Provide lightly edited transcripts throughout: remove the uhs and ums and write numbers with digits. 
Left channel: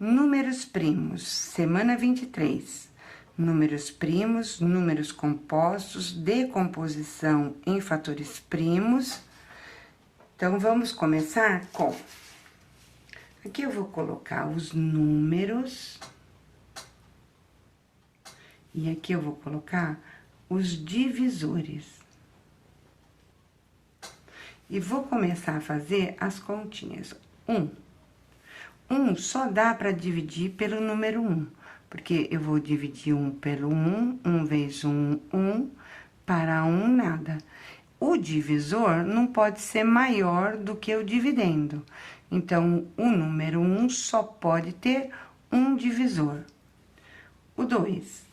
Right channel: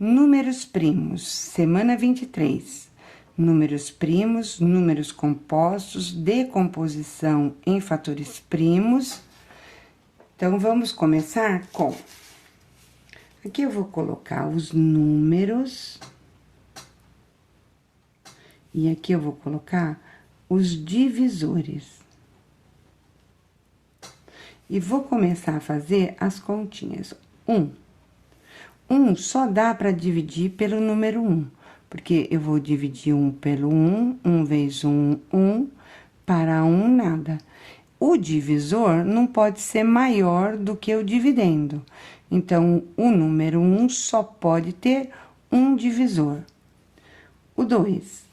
Números primos, semana 23. Números primos, números compostos, decomposição em fatores primos. Então, vamos começar com... Aqui eu vou colocar os números. E aqui eu vou colocar os divisores. E vou começar a fazer as continhas. 1 só dá para dividir pelo número 1, porque eu vou dividir 1 pelo 1, 1 vezes 1, 1, para 1, nada. O divisor não pode ser maior do que o dividendo. Então, o número 1 só pode ter um divisor. O 2,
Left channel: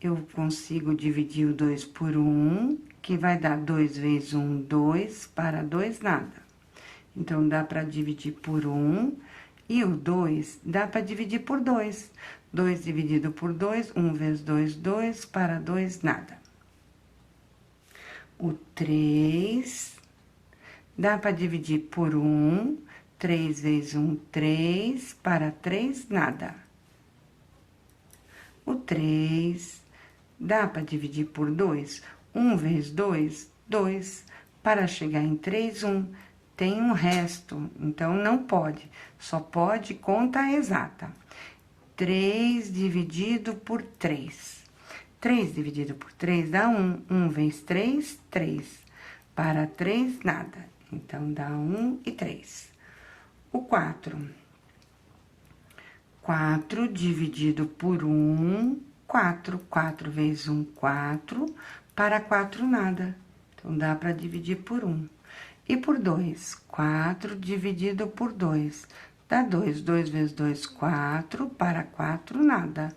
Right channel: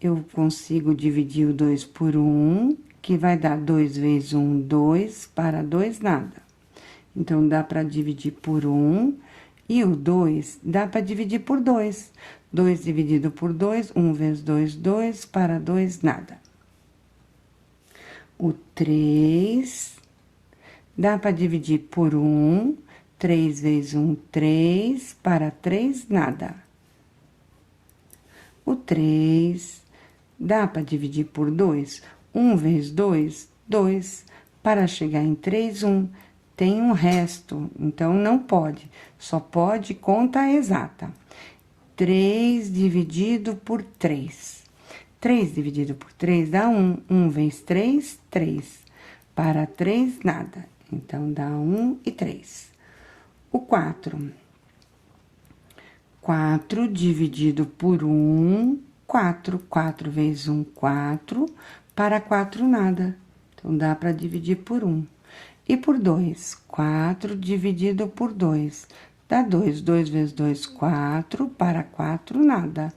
eu consigo dividir o 2 por 1, que vai dar 2 vezes 1, 2, para 2, nada. Então, dá para dividir por 1, e o 2 dá para dividir por 2. 2 dividido por 2, 1 vezes 2, 2, para 2, nada. O 3 dá para dividir por 1, 3 vezes 1, 3, para 3, nada. O 3 dá para dividir por 2, 1 vezes 2, 2, para chegar em 3, 1. Tem um resto, então não pode, só pode conta exata. 3 dividido por 3. 3 dividido por 3 dá 1. 1 vezes 3, 3. Para 3, nada. Então, dá 1 e 3. O 4. 4 dividido por 1, 4. 4 vezes 1, 4. Para 4, nada. Então, dá para dividir por 1. E por 2, 4 dividido por 2, dá 2. 2 vezes 2, 4, para 4, nada.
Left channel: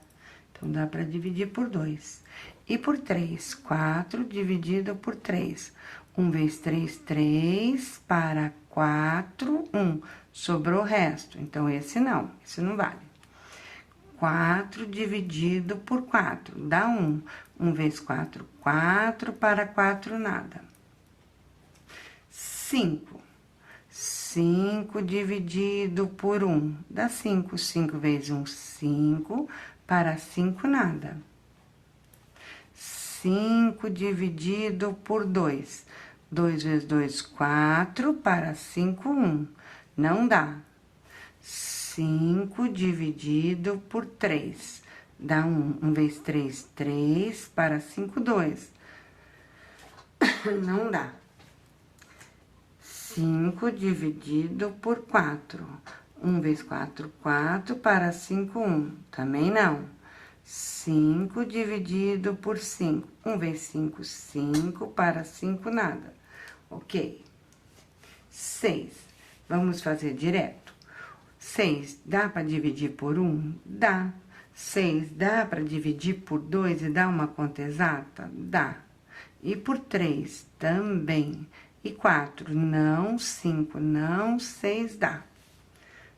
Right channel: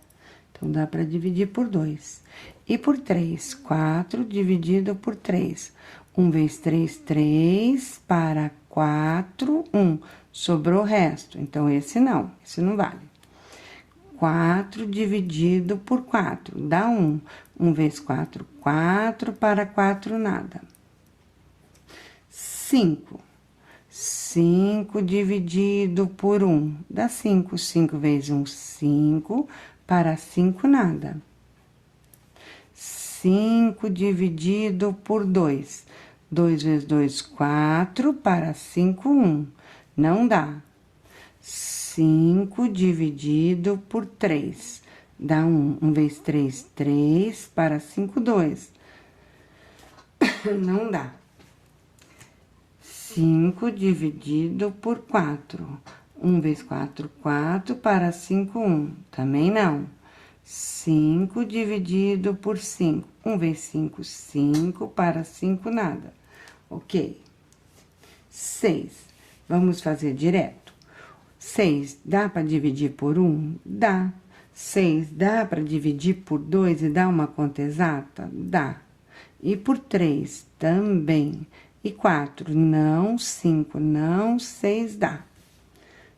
Então, dá para dividir por 2. E por 3, 4 dividido por 3. 1 vezes 3, 3, para 4, 1. Sobrou o resto, então, esse não vale. 4 dividido por 4, dá 1. 1 vezes 4, 4, para 4, nada. 5. 5 dividido por 1, dá 5. 5 vezes 1, 5, para 5, nada. 5 dividido por 2, 2 vezes 2, 4, para 5, 1, não dá. 5 dividido por 3, dá 1. 1 vezes 3, 3, para 5, 2, não dá. 5 dividido por 4. 1 vezes 4, 4, para 5, 1. Também não. 5 dividido por 5. 1 vezes 5, 5, para 5, nada. Ok. 6. Vamos fazer direto. 6 dá para dividir por 1? Dá. 6 dá para dividir por 2 e dar uma conta exata? Dá. E por 3 também. E 4, não, 5, não, 6 dá.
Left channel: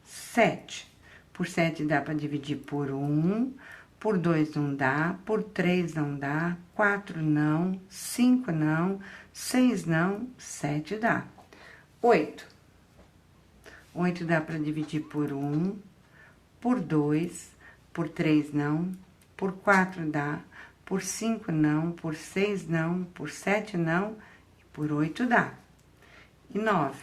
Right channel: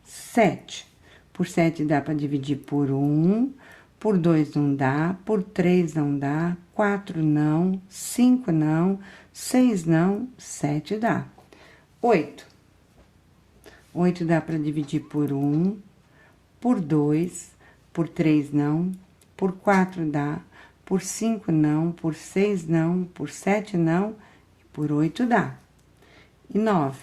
7, por 7 dá para dividir por 1, por 2 não dá, por 3 não dá, 4 não, 5 não, 6 não, 7 dá. 8, 8 dá para dividir por 1, por 2, por 3 não, por 4 dá, por 5 não, por 6 não, por 7 não, por 8 dá. E 9,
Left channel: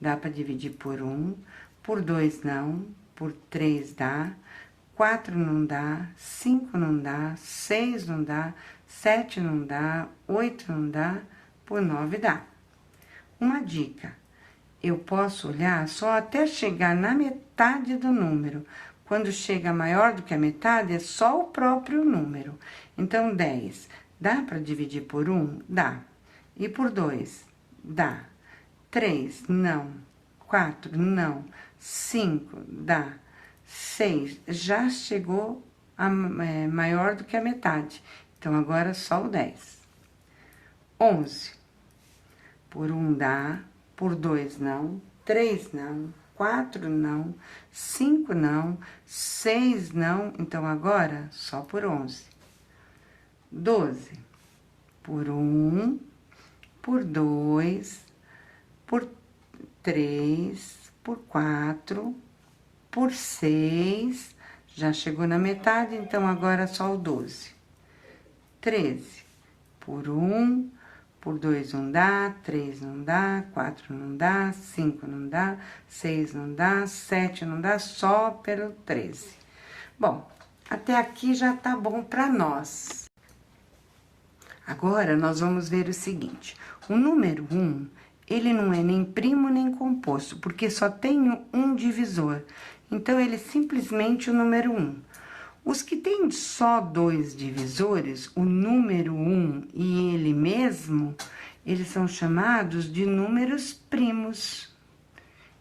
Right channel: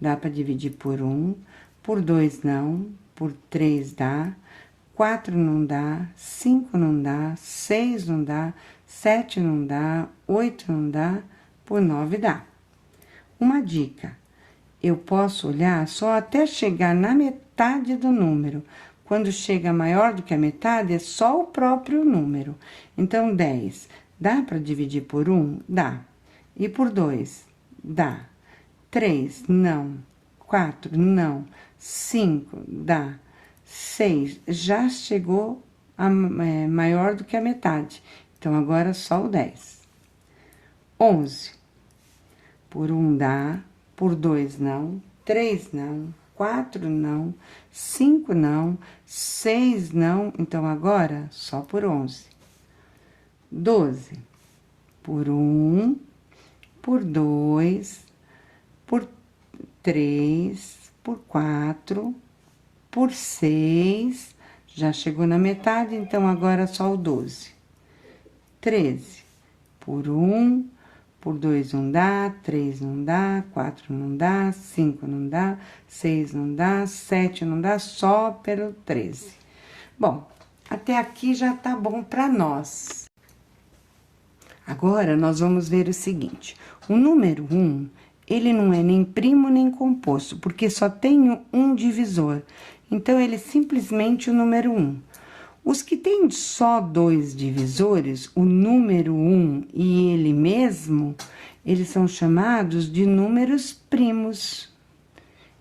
dá para dividir por 1, por 2 não, por 3 dá, 4 não dá, 5 não dá, 6 não dá, 7 não dá, 8 não dá, por 9 dá. Uma dica, eu posso olhar só até chegar na metade do número. Quando chega maior do que a metade, é só o próprio número. Então, 10, dá para dividir por 1? Dá. E por 2? Dá. 3, não. 4, não. 5, dá. 6, já chegou maior do que a metade. Então, agora, só o 10. 11, por 1 dá, por 2 não, 3 não, 4 não, 5 não, 6 não, então, agora, só por 11. 12, por 1, por 2, por 3, por 4, por 6, já chegou na metade, então agora só o 12. 13 por 1, por 2 não dá, 3 não dá, 4 não dá, 5 não dá, 6 não dá, 7 não dá, só pelo 13. Bom, até aqui já tá bom para nós. Agora, nós vamos ver o seguinte: o número 1, ele não é nem primo nem composto, porque só tem um divisor. Então, ele é simplesmente o número 1. Os que têm só 2 divisores, o número 1 e ele mesmo, eles são chamados de números primos.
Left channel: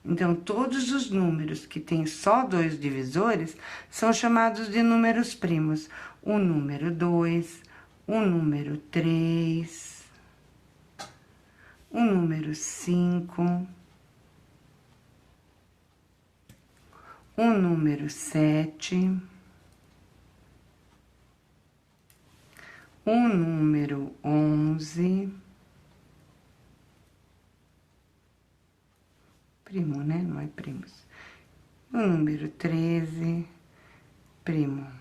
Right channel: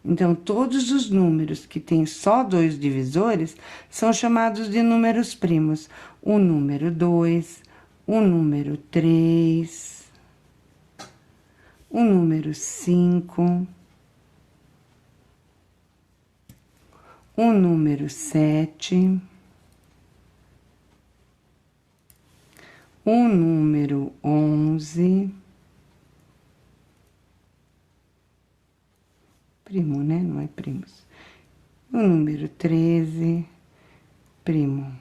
Então, todos os números que têm só 2 divisores são chamados de números primos. O número 2, o número 3, o número 5, o número 7, o número 11, primo, né? Não é primos. O número 13, primo.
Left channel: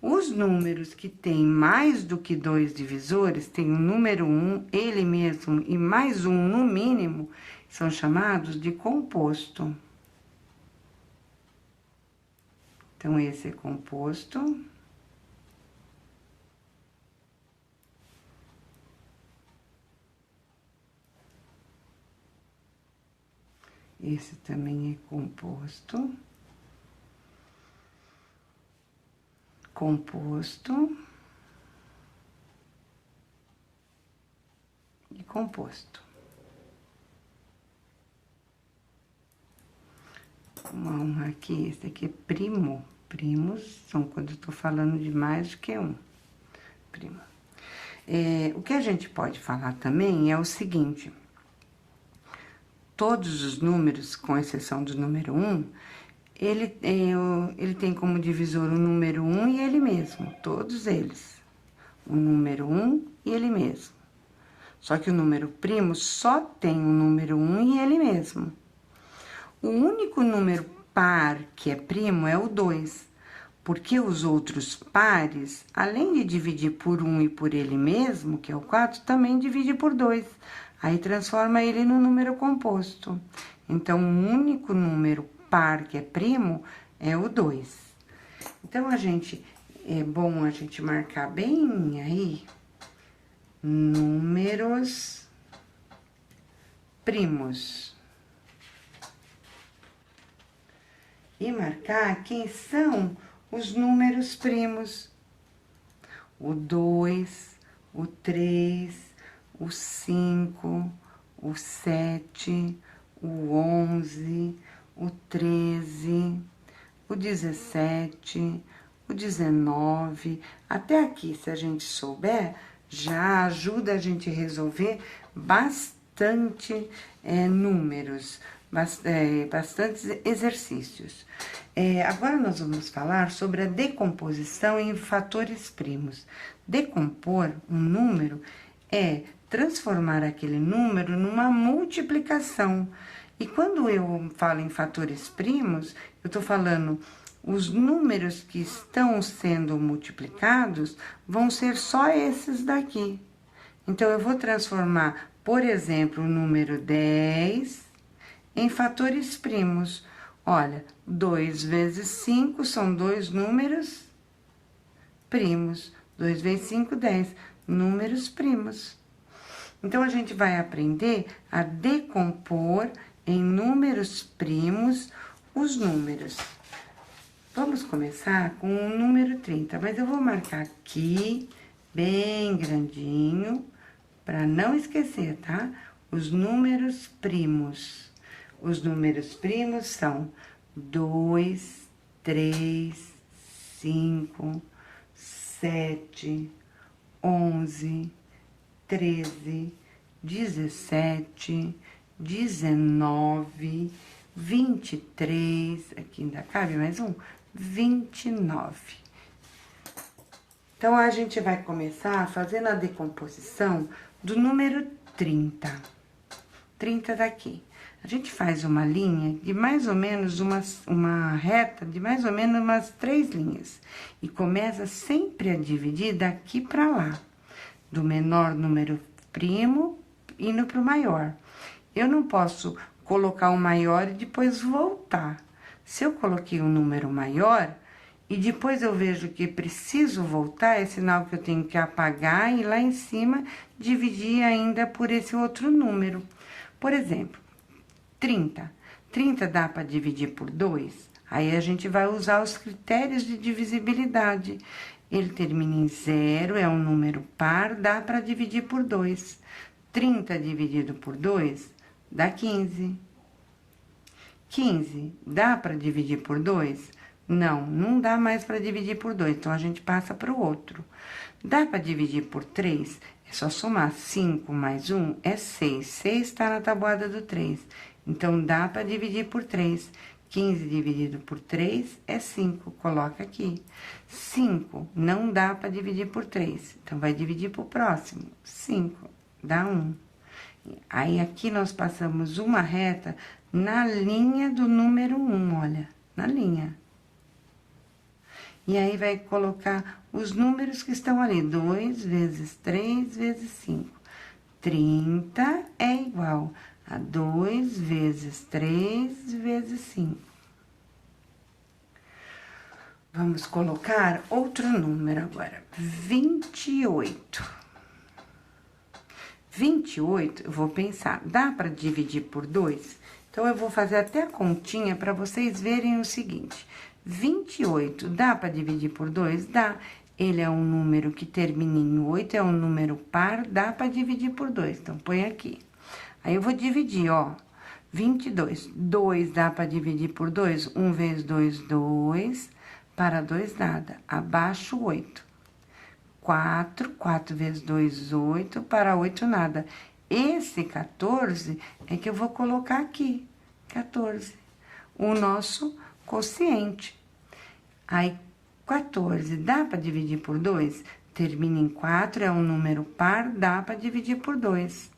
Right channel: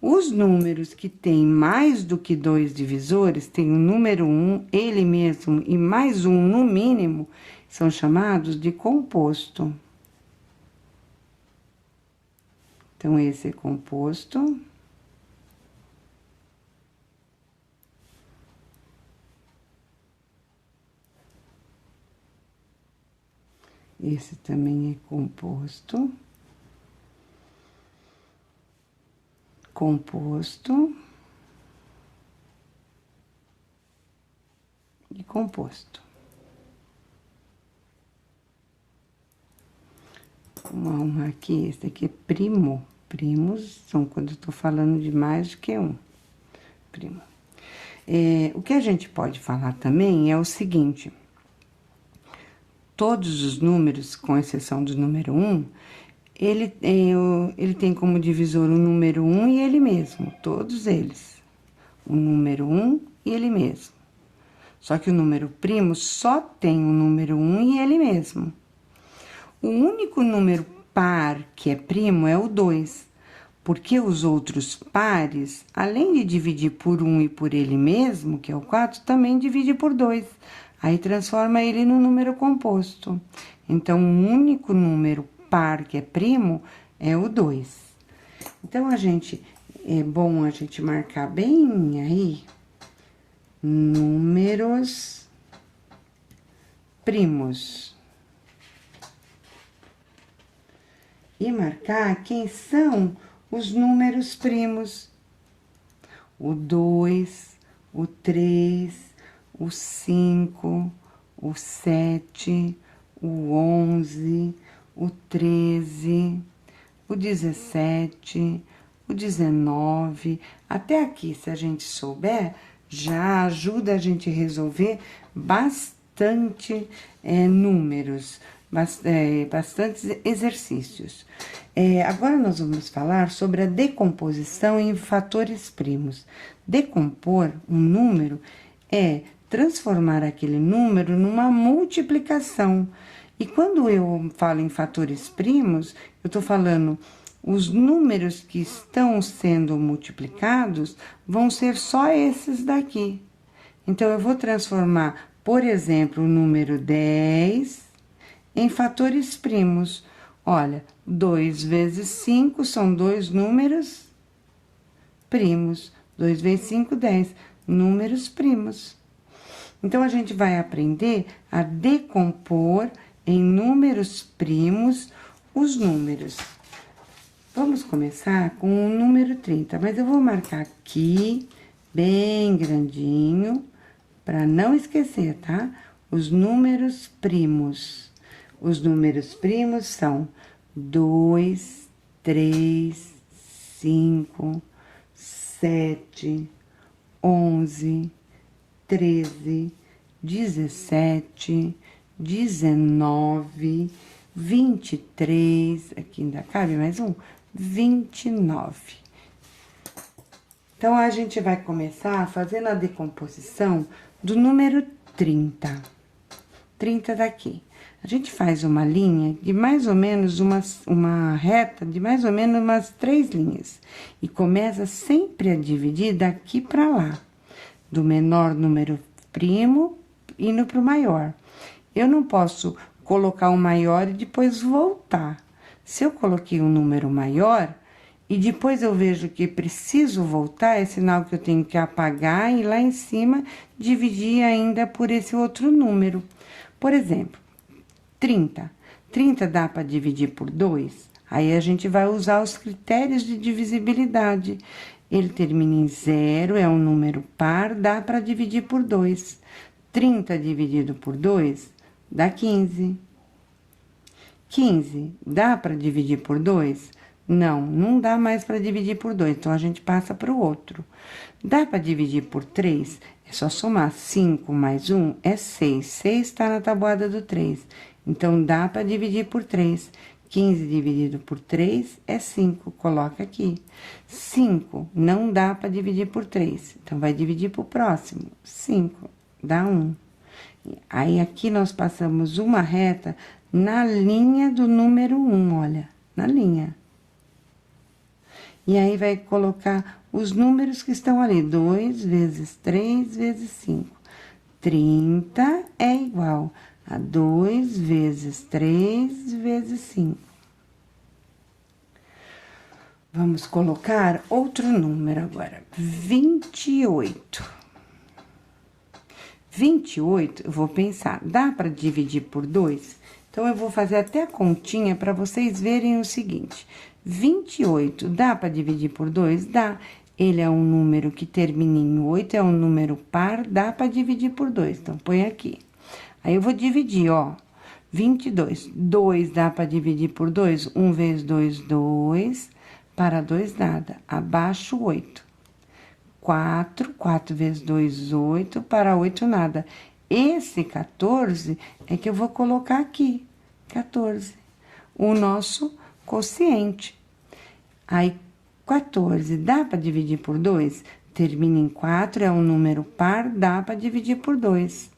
Os números que têm mais do que 2 divisores, tem o número 1, ele mesmo, e mais um no mínimo, são chamados de composto. Então, esse é composto. Esse também é composto. Composto. E composto. Vamos arrumar aqui, esse aqui é primo. Primos são quando eu tô falando de mais do que um. Primo. O que a gente pode falar também é o seguinte: todos os números, com exceção do número 1, ele tem como divisor o número 1 e ele mesmo, todos eles. O número 1 e ele mesmo. Só que o número primo só tem o número 1 e ele mesmo. O único número par que é primo é o 2, porque os outros pares, além de dividir por 1 e por ele mesmo, que é o 4, também divide por 2. Aí, transforma ele no número composto. Então, o único número par que é primo é o 2. Então, é bom a gente marcar bem aí, números primos. E marcar quem são os números primos. O 2, o 3, o 5, o 7, o 11, o 13, o 17, o 19. Até aqui, se a gente souber, já ajuda a gente a resolver bastante números, bastantes exercícios. Agora, nós vamos falar sobre a decomposição em fatores primos. Decompor um número é transformar aquele número numa multiplicação. E quando eu falo em fatores primos, eu estou falando os números que estão sendo multiplicados vão ser só esses daqui. Então, eu vou transformar, por exemplo, o número 10 em fatores primos. Olha, 2 vezes 5 são 2 números primos. 2 vezes 5, 10. Números primos. Então, a gente vai aprender a decompor em números primos os números. Vamos começar com o número 30, mas eu vou marcar aqui, bem grandinho, para não esquecer, tá? Os números primos. Os números primos são 2, 3, 5, 7, 11, 13, 17, 19, 23, aqui ainda cabe mais um, 29. Então, a gente vai começar fazendo a decomposição do número 30. 30 daqui. A gente faz uma linha de mais ou menos uma reta de mais ou menos umas 3 linhas. E começa sempre a dividir daqui para lá. Do menor número primo indo para o maior. Eu não posso colocar o maior e depois voltar. Se eu coloquei um número maior e depois eu vejo que preciso voltar, é sinal que eu tenho que apagar e lá em cima dividir ainda por esse outro número. Por exemplo, 30. 30 dá para dividir por 2? Aí a gente vai usar os critérios de divisibilidade. Ele termina em 0, é um número par, dá para dividir por 2. 30 dividido por 2 dá 15. 15 dá para dividir por 2? Não, não dá mais para dividir por 2, então a gente passa para o outro. Dá para dividir por 3? É só somar 5 mais 1 é 6. 6 está na tabuada do 3. Então, dá para dividir por 3. 15 dividido por 3 é 5. Coloca aqui. 5 não dá para dividir por 3. Então, vai dividir para o próximo. 5 dá 1. Aí, aqui nós passamos uma reta na linha do número 1, olha. Na linha. E aí, vai colocar os números que estão ali. 2 vezes 3 vezes 5. 30 é igual a 2 vezes 3 vezes 5. Vamos colocar outro número agora. 28. 28, eu vou pensar, dá para dividir por 2? Então, eu vou fazer até a continha para vocês verem o seguinte. 28 dá para dividir por 2? Dá. Ele é um número que termina em 8, é um número par, dá para dividir por 2. Então, põe aqui. Aí, eu vou dividir, ó. 22. 2 dá para dividir por 2? 1 vezes 2, 2. Para 2, nada. Abaixo, 8. 4. 4 vezes 2, 8. Para 8, nada. Esse 14 é que eu vou colocar aqui. 14. O nosso quociente. Aí, 14 dá para dividir por 2? Termina em 4, é um número par, dá para dividir por 2.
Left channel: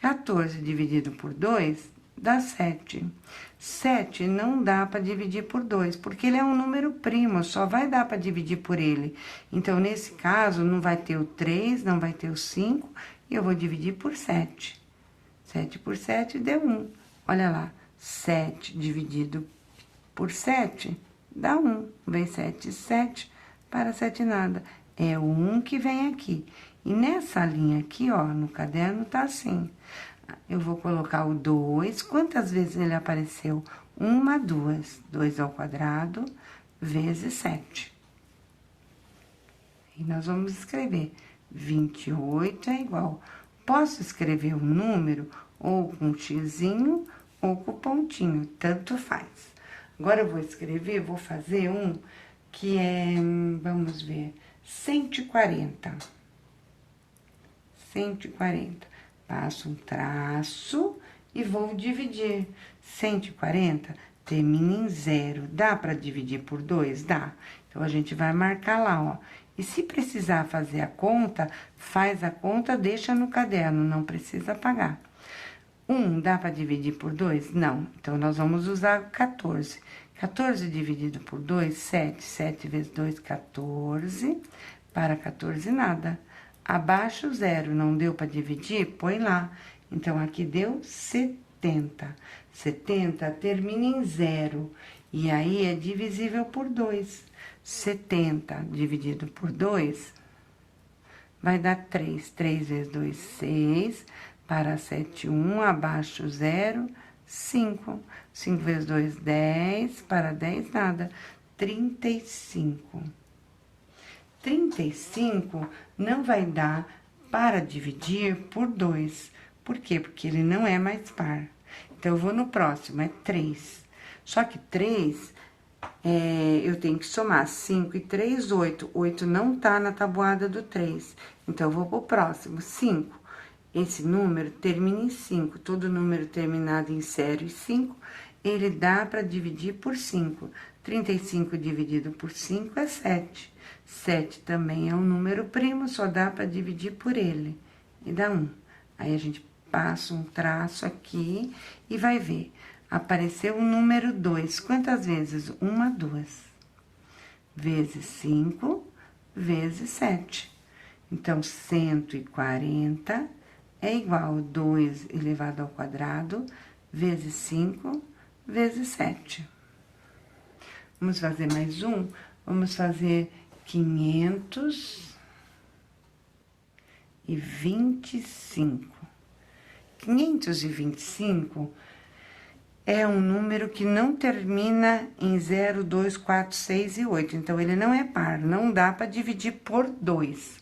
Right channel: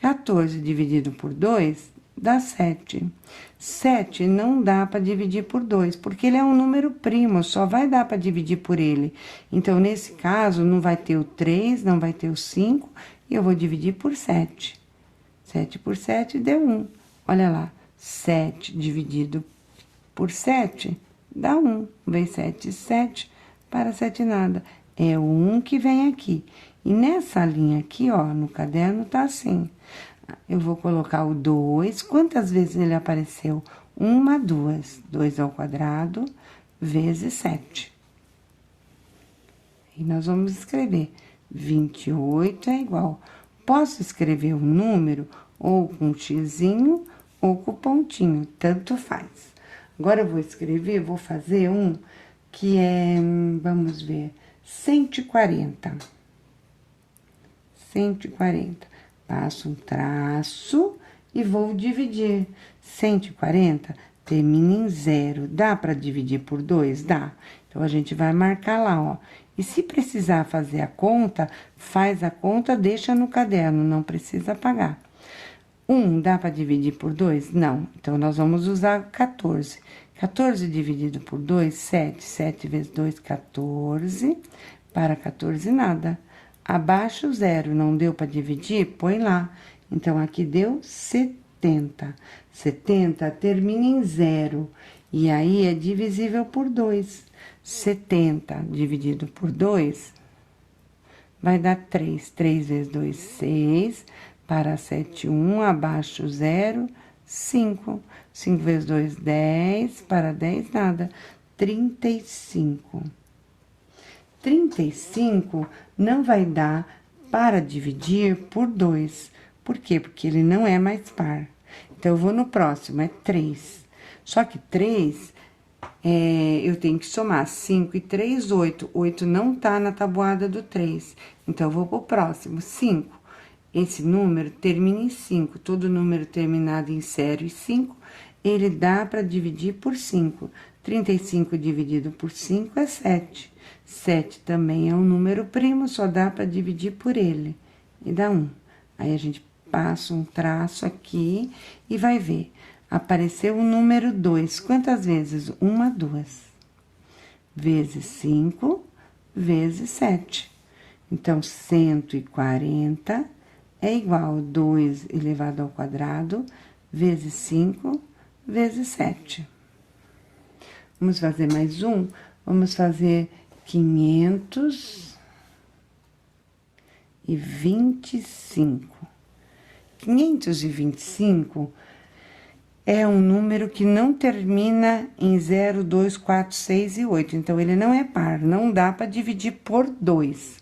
14 dividido por 2 dá 7. 7 não dá para dividir por 2, porque ele é um número primo, só vai dar para dividir por ele. Então, nesse caso, não vai ter o 3, não vai ter o 5, e eu vou dividir por 7. 7 por 7 deu 1. Olha lá, 7 dividido por 7 dá 1. Vem 7, 7, para 7 nada. É o 1 que vem aqui. E nessa linha aqui, ó, no caderno, tá assim. Eu vou colocar o 2. Quantas vezes ele apareceu? 1, 2. 2 ao quadrado, vezes 7. E nós vamos escrever 28 é igual. Posso escrever um número ou com um xizinho ou com pontinho, tanto faz. Agora, eu vou escrever, vou fazer um que é, vamos ver, 140. 140. Passo um traço e vou dividir. 140 termina em 0. Dá para dividir por 2? Dá. Então, a gente vai marcar lá, ó. E se precisar fazer a conta, faz a conta, deixa no caderno, não precisa apagar. 1 dá para dividir por 2? Não. Então, nós vamos usar 14. 14 dividido por 2, 7. 7 vezes 2, 14. Para 14, nada. Abaixo, 0. Não deu para dividir? Põe lá. Então, aqui deu 70. 70 termina em 0. E aí, é divisível por 2. 70 dividido por 2 vai dar 3. 3 vezes 2, 6. Para 7, 1. Abaixo, 0, 5. 5 vezes 2, 10. Para 10, nada. 35. 35 não vai dar para dividir por 2. Por quê? Porque ele não é mais par. Então, eu vou no próximo, é 3. Só que 3, eu tenho que somar 5 e 3, 8. 8 não tá na tabuada do 3. Então, eu vou pro próximo, 5. Esse número termina em 5. Todo número terminado em 0 e 5, ele dá para dividir por 5. 35 dividido por 5 é 7. 7 também é um número primo, só dá para dividir por ele. E dá 1. Aí, a gente passa um traço aqui e vai ver. Apareceu o número 2. Quantas vezes? 1, 2. Vezes 5, vezes 7. Então, 140 é igual a 2 elevado ao quadrado, vezes 5, vezes 7. Vamos fazer mais um? Vamos fazer 525. 525 é um número que não termina em 0, 2, 4, 6 e 8. Então, ele não é par, não dá para dividir por 2.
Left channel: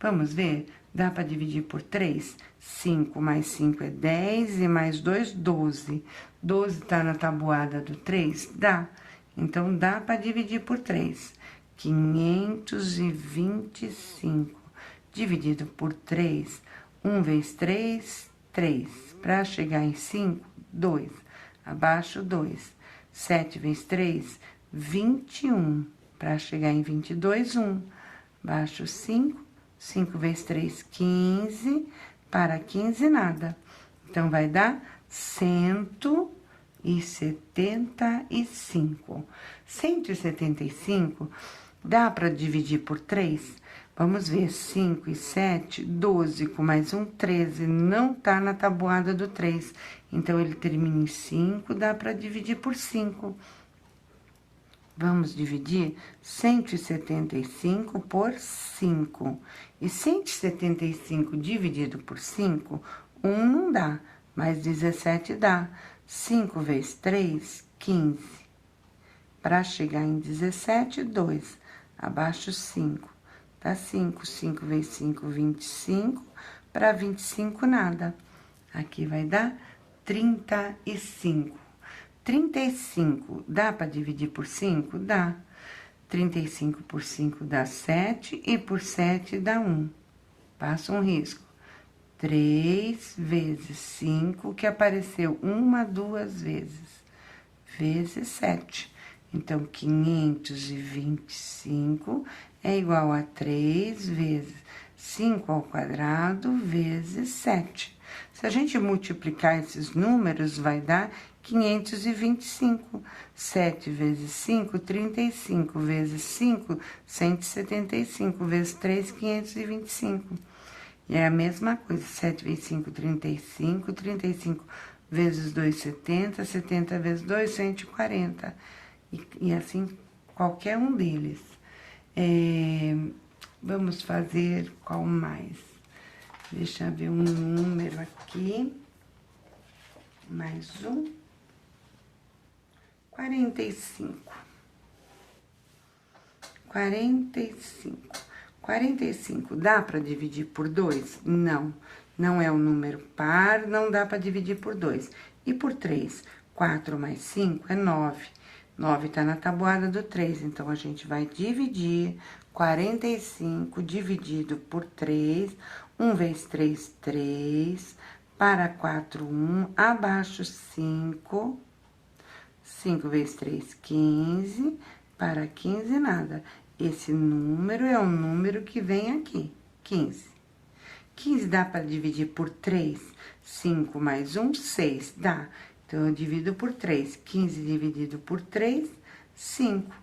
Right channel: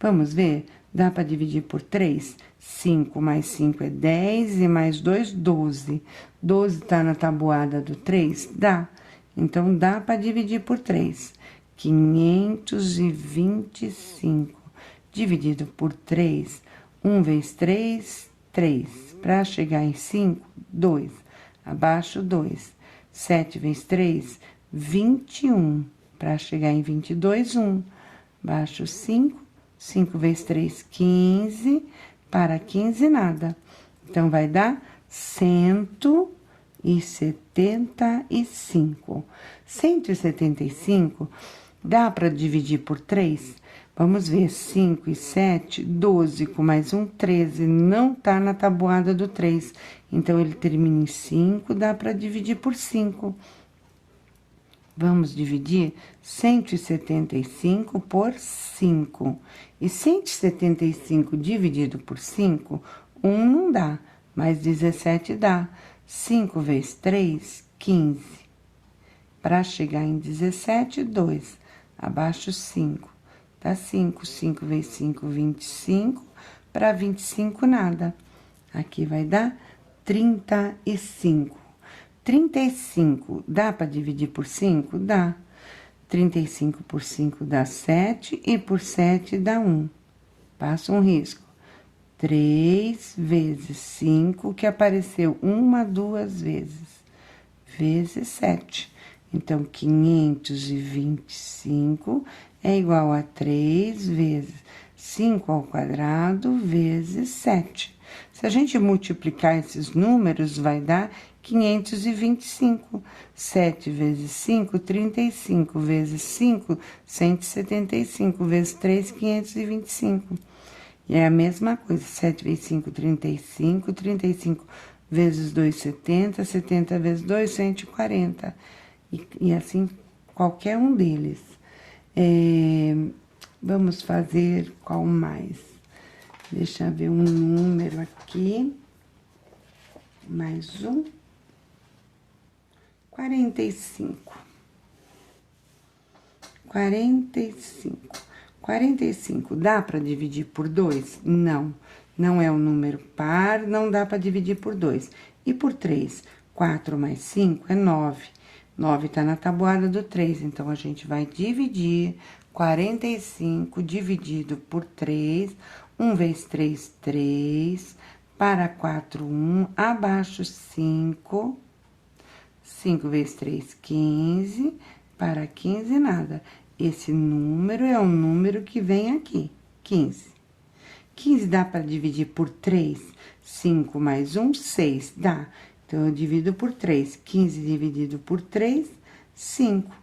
Vamos ver? Dá para dividir por 3? 5 mais 5 é 10 e mais 2, 12. 12 tá na tabuada do 3? Dá. Então, dá para dividir por 3. 525 dividido por 3. 1 vezes 3, 3. Para chegar em 5, 2. Abaixo, 2. 7 vezes 3, 21. Para chegar em 22, 1. Abaixo, 5. 5 vezes 3, 15. Para 15, nada. Então, vai dar 175. 175 dá para dividir por 3? Vamos ver, 5 e 7, 12, com mais um, 13. Não tá na tabuada do 3. Então, ele termina em 5, dá para dividir por 5. Vamos dividir 175 por 5. E 175 dividido por 5, 1 não dá, mas 17 dá. 5 vezes 3, 15. Para chegar em 17, 2. Abaixo, 5. Dá 5. 5 vezes 5, 25. Para 25, nada. Aqui vai dar 35. 35 dá para dividir por 5? Dá. 35 por 5 dá 7 e por 7 dá 1. Passa um risco. 3 vezes 5, que apareceu 1, 2 vezes, vezes 7. Então, 525 é igual a 3 vezes 5 ao quadrado vezes 7. Se a gente multiplicar esses números, vai dar 525. 7 vezes 5, 35. Vezes 5, 175. Vezes 3, 525. E é a mesma coisa. 7 vezes 5, 35. 35 vezes 2, 70. 70 vezes 2, 140. E assim, qualquer um deles. Vamos fazer qual mais? Deixa eu ver um número aqui. Mais um. 45. 45. 45 dá para dividir por 2? Não. Não é um número par, não dá para dividir por 2. E por 3? 4 mais 5 é 9. 9 tá na tabuada do 3, então a gente vai dividir 45 dividido por 3. 1 vezes 3, 3. Para 4, 1. Abaixo, 5. 5 vezes 3, 15. Para 15, nada. Esse número é um número que vem aqui, 15. 15 dá para dividir por 3? 5 mais 1, 6. Dá. Então, eu divido por 3. 15 dividido por 3, 5.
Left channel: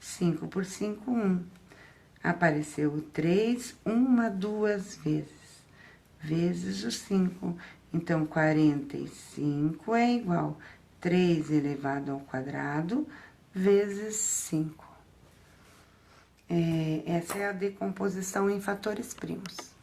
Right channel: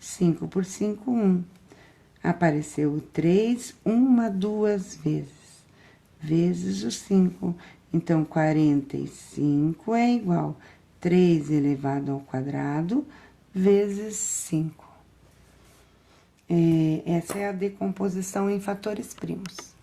5 por 5, 1. Apareceu o 3, 1, 2 vezes. Vezes o 5. Então, 45 é igual a 3 elevado ao quadrado, vezes 5. Essa é a decomposição em fatores primos.